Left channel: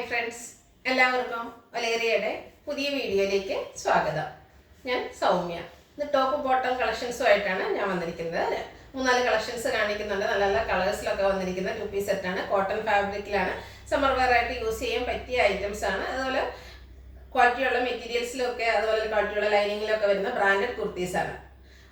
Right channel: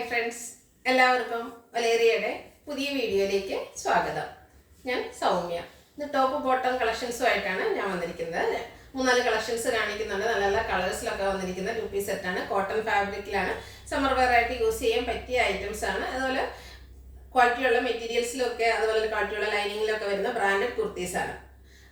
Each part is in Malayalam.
ഹായ് ഫ്രണ്ട്സ്, എല്ലാവർക്കും വലേറിയയുടെ പുതിയ വീഡിയോയിലേക്ക് സ്വാഗതം. ഞാൻ സൗമ്യ. ഇന്ന് ടോപ്പ് ബോട്ടം കളക്ഷൻസുമായിട്ടാണ് ഞാൻ വന്നിരിക്കുന്നത്. 3-4 കളക്ഷൻസ് കാണിക്കുന്നുണ്ട്. നല്ല നല്ല കളേഴ്സിലൊക്കെ വന്നിരിക്കുന്ന 2 പീസ് സെറ്റാണ്. കോട്ടൺ ഫാബ്രിക്കിലാണ്. സമ്മർ വെയർ ആയിട്ട് യൂസ് ചെയ്യാൻ പറ്റിയ ഐറ്റംസ് ആണ്. അതുപോലെ ക്വാളിറ്റിയുള്ള മെറ്റീരിയൽസിലൊക്കെ അതുപോലെ ക്വാളിറ്റിയുള്ള ലൈനിങ്ങിലൊക്കെ വരുന്ന ബ്രാൻഡഡ് കുർത്തീസാണ്.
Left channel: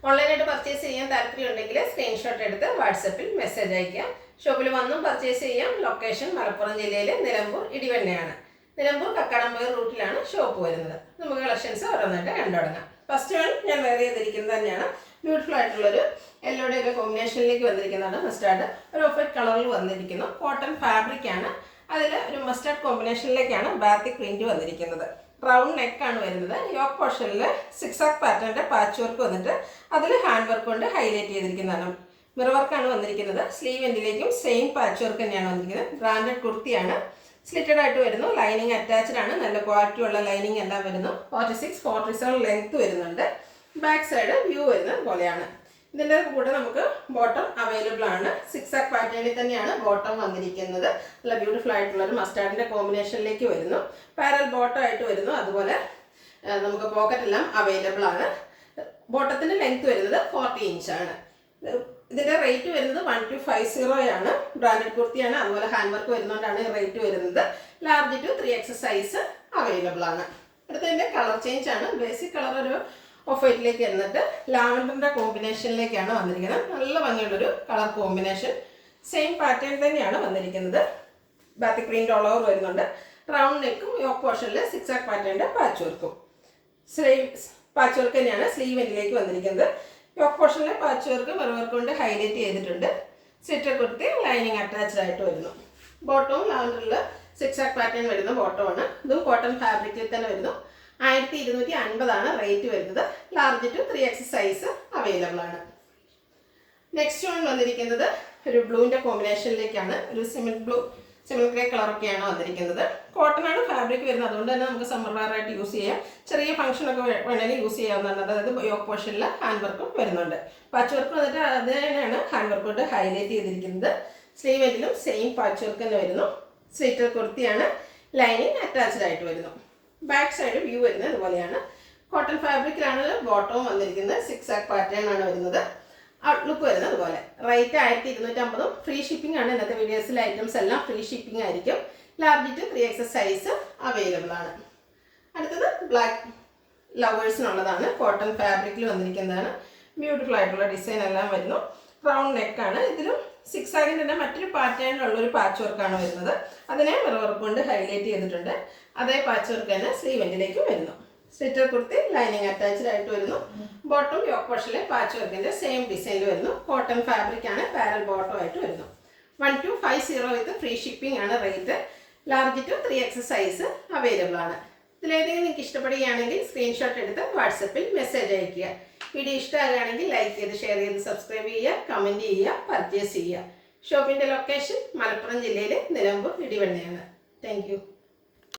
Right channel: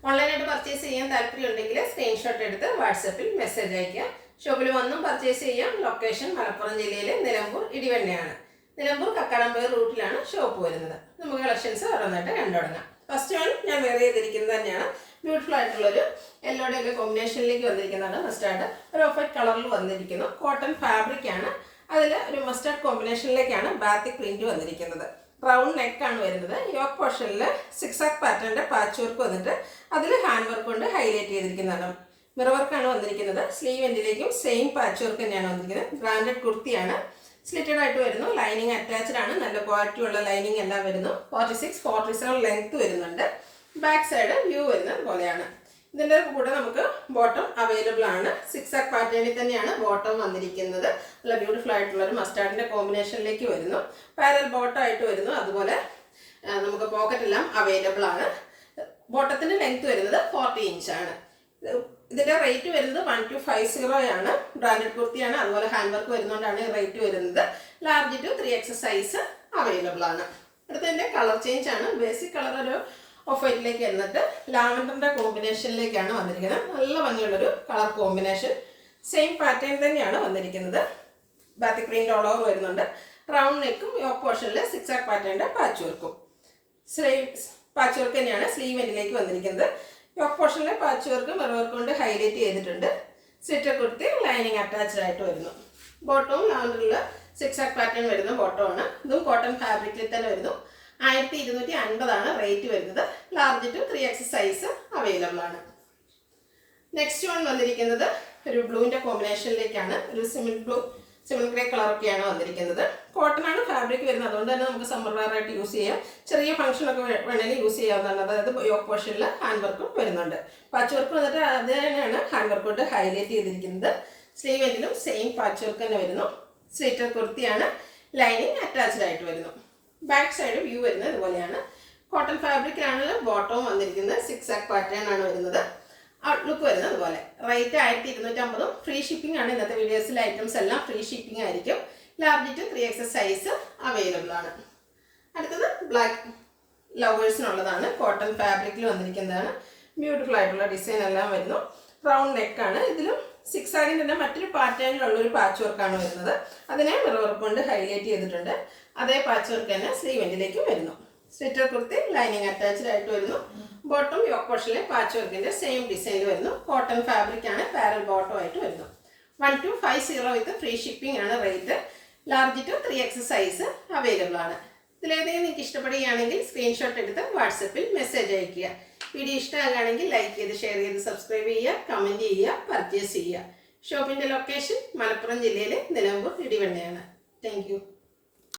ഓൺലൈനായിട്ട് പർച്ചേസ് ചെയ്യാൻ താല്പര്യമുണ്ടെങ്കിൽ സ്ക്രീൻഷോട്ട് എടുത്ത് വാട്സപ്പിൽ മെസ്സേജ് അയയ്ക്കുക. ഷോപ്പിൽ വന്നും പർച്ചേസ് ചെയ്യാം. ലൊക്കേഷൻ മലപ്പുറം ജില്ലയിലെ നിലമ്പൂർ ഇടിവണ്ണയാണ്. നിലമ്പൂർ കക്കാടംപൊയിൽ റൂട്ടിലാണ് ഷോപ്പ് വരുന്നത്. നമുക്ക് കളക്ഷൻസ് ഓരോന്നായിട്ട് കണ്ടു തുടങ്ങാം. ഫസ്റ്റ് വൺ ഞാൻ വെയർ ചെയ്തിരിക്കുന്നത് തന്നെയാണ്. ബ്യൂട്ടിഫുൾ ആയിട്ടുള്ളൊരു യെല്ലോടെയൊക്കെ കോമ്പിനേഷനിലേക്ക് വന്നിരിക്കുന്നതാണ്. മസ്റ്റാർഡ് ഒരു ഓഫ് വൈറ്റ് കളറിൽ വന്നിരിക്കുന്നു. കോട്ടൺ ഫാബ്രിക് ആണ്. അതിൽ ഒരു മസ്റ്റാർഡ് കോമ്പിനേഷനിലേക്കാണ് ബാത്തിക് പ്രിന്റ് വന്നിരിക്കുന്നത്. റൗണ്ട് നെക്കാണ് വരുന്നത്. യോക്ക് പോർഷനിൽ സിക്സാക് പാറ്റേണിൻ്റെ പാച്ച് വർക്ക് വന്നിട്ട് അതിൽ ഹാൻഡ് വർക്ക് കൊണ്ട് ഹൈലൈറ്റ് ചെയ്തിരിക്കുന്നതാണ്. മിറർ വർക്കാണ് വന്നിരിക്കുന്നത്. സ്ലീവ് എൻഡിലേക്കും സെയിം പാച്ച് വർക്ക് തന്നെയാണ് വന്നിരിക്കുന്നത്. ബ്രാൻഡഡ് കുർത്തിയാണ്. സ്ലിറ്റഡ് ആയിട്ട് വരുന്നു. ലൈനിങ് അറ്റാച്ച്ഡ് ആണ്. നല്ല ക്വാളിറ്റി ഉള്ള ലൈനിങ് എല്ലാം വരുന്നു. 46-47 ലെങ്ത് വരുന്നുണ്ട്. ബാക്ക് സൈഡ് വ്യൂ വരുന്നത് പോലെയാണ്. ഇതിൻ്റെ കൂടെ നമുക്ക് ബോട്ടം അവൈലബിൾ ആണ്. സിക്സാക് പാറ്റേണിൽ തന്നെയാണ് ബോട്ടം വന്നിരിക്കുന്നത്. നല്ല ബ്യൂട്ടിഫുൾ ആയിട്ടുള്ളൊരു മസ്റ്റാർഡിൻ്റെ കോമ്പിനേഷനിലേക്ക് വരുന്നു. പാരൽ ബോട്ടം ആയിട്ട് വരുന്നു. അതുപോലെ നമുക്ക് പോക്കറ്റ് എല്ലാം അവൈലബിൾ ആണ്. ബോട്ടത്തിൻ്റെ ലെങ്ത് വരുന്നത് 40 ഇഞ്ചാണ്. ഇതിൻ്റെ റേറ്റ് വരുന്നത് 1250 ആണ്. ബ്രാൻഡഡ് കുർത്തിയാണ്. അതുപോലെ ഹാൻഡ് വർക്ക് വരുന്നതുകൊണ്ടാണ് റേറ്റ് വരുന്നത്. Large to 3X size available ആണ്. അടുത്തതിൻ്റെ കളർ ചേഞ്ച് ആണ്. ബേസിക് കളർ ഒരു ഓഫ് വൈറ്റിലേക്ക് എന്നിട്ട് ലാവൻഡറിൻ്റെ കോമ്പിനേഷനിലേക്കാണ് വന്നിരിക്കുന്നത്. നല്ല ഭംഗിയുള്ളൊരു കളർ കോമ്പിനേഷൻ. സെയിം പാറ്റേൺ തന്നെയാണ് വന്നിരിക്കുന്നത്. ബാത്തിക് പ്രിന്റ് ഓൾ ഓവർ വരുന്നുണ്ട്. റൗണ്ട് നെക്കും യോക്ക് പോർഷനിൽ സിക്സാക് പാറ്റേണിൻ്റെ പാച്ച് വർക്കും. പാച്ച് വർക്ക് തന്നെയാണ് സ്ലീവ് എൻഡിലേക്ക് വന്നിരിക്കുന്നത്. യോക്ക് പോർഷനിലെ പാച്ച് വർക്ക് മിറർ വർക്ക് കൊണ്ട് ഹൈലൈറ്റ് ചെയ്തിട്ടുണ്ട്. സ്ലിറ്റർ കുർത്തി ലൈനിങ് അറ്റാച്ച്ഡ് ആയിട്ട് വരുന്നു. ബോട്ടവും ലാവൻഡറിൽ സിക്സാക് പാറ്റേൺ വരുന്ന ബോട്ടമാണ്. ഇതും കോട്ടൺ ഫാബ്രിക്കിൽ തന്നെ വരുന്നു. 1250 ആണ് റേറ്റ് വരുന്നത്. Large to 3X size available ആണ്. നെക്സ്റ്റ് വൺ വന്നിരിക്കുന്നത് ഒരു ബ്ലൂവിൻ്റെ കോമ്പിനേഷനിലേക്കാണ്. ഒരു സിമൻ ഗ്രേ കളറൊക്കെയാണ് വന്നിരിക്കുന്നത്. കോട്ടൺ ആണ് ഫാബ്രിക് വരുന്നത്. അതുകൊണ്ട് തന്നെ നമുക്ക് സമ്മർ വെയർ ആയിട്ട് യൂസ് ചെയ്യാം. ചെറിയ ഫംഗ്ഷനൊക്കെ വേണമെങ്കിൽ യൂസ് ചെയ്യാവുന്നതാണ്. അതായത് യോക്ക് പോർഷനിൽ ഹാൻഡ് വർക്കും വരുന്നുണ്ട്. പാച്ച് വർക്ക് വന്നിട്ട് അത് തന്നെയാണ് ഹാൻഡ് വർക്ക് കൊണ്ട് ഹൈലൈറ്റ് ചെയ്തിരിക്കുന്നത്. സ്ലീവ് എൻഡിലും സെയിം പാച്ച് വർക്ക് തന്നെ വരുന്നു. സ്ലിറ്റർ കുർത്തിയാണ്. ലൈനിങ് അറ്റാച്ച്ഡ് ആയിട്ട് വരുന്നു. ബാക്ക് സൈഡ് വ്യൂ വരുന്നത് ഇതുപോലെയാണ്. കോട്ടൺ ഫാബ്രിക്കിലാണ് ബോട്ടവും വന്നിരിക്കുന്നത്. സിക്സാക് പാറ്റേൺ ആണ് വരുന്നത്. ഔട്ട്ലുക്ക് വരുന്നത് ഇതുപോലെ. റേറ്റ് 1250. ഫ്രീ ഷിപ്പിംഗ് ആണ്. ഇന്നത്തെ വീഡിയോസിലെ ഐറ്റംസ് എല്ലാം ഫ്രീ ഷിപ്പിംഗ് ആയിരിക്കും. Large to 3X size available ആണ്. അടുത്തത് ബ്ലാക്ക് ലവേഴ്സിനുള്ളതാണ്. കോട്ടൺ ഫാബ്രിക്കിൽ വന്നിരിക്കുന്നതാണ്. ബ്യൂട്ടിഫുൾ ആയിട്ടുള്ള ഡിസൈൻ എല്ലാം വരുന്നു. റൗണ്ട് നെക്കാണ്. ഇതിലും സിക്സാഗിൻ്റെ തന്നെ മറ്റൊരു പാറ്റേണിലുള്ളൊരു പാച്ച് വർക്കാണ് വരുന്നത്. അതിനെ മിറർ വർക്ക് കൊണ്ട് ഹൈലൈറ്റ് ചെയ്തിട്ടുണ്ട്. അതേ പാച്ച് വർക്ക് തന്നെ സ്ലീവ് എൻഡിലേക്കും വരുന്നു. സ്ലിറ്റർ കുർത്തി ലൈനിങ് അറ്റാച്ച്ഡ് ആയിട്ട് വരുന്നു. ബോട്ടം യോക്ക് പോർഷനിലെ പാച്ച് വർക്കിൻ്റെ സെയിം ഡിസൈനിൽ വരുന്നു. കോട്ടൺ ഫാബ്രിക് ആണ്. പാരൽ ബോട്ടം ആയിട്ട് വരുന്നു. 1250 വിത്ത് ഫ്രീ ഷിപ്പിംഗ് ആണ് rate. Large to 3X size available ആണ്. ഇതിലേതെങ്കിലും നിങ്ങൾക്ക് ഇഷ്ടപ്പെടുകയാണെങ്കിൽ സ്ക്രീൻഷോട്ട് എടുത്ത് വാട്സപ്പിൽ മെസ്സേജ് അയയ്ക്കുക. വീഡിയോ ഇഷ്ടമാകുകയാണെങ്കിൽ ലൈക്ക് ചെയ്ത് ഷെയർ ചെയ്ത് സബ്സ്ക്രൈബ് ചെയ്യുക, കമൻറ്റ് ചെയ്യുക, പർച്ചേസ് ചെയ്യുക. ഷോപ്പിൻ്റെ ലൊക്കേഷൻ മലപ്പുറം ജില്ലയിലെ നിലമ്പൂർ ഇടിവണ്ണയാണ്. Thank you.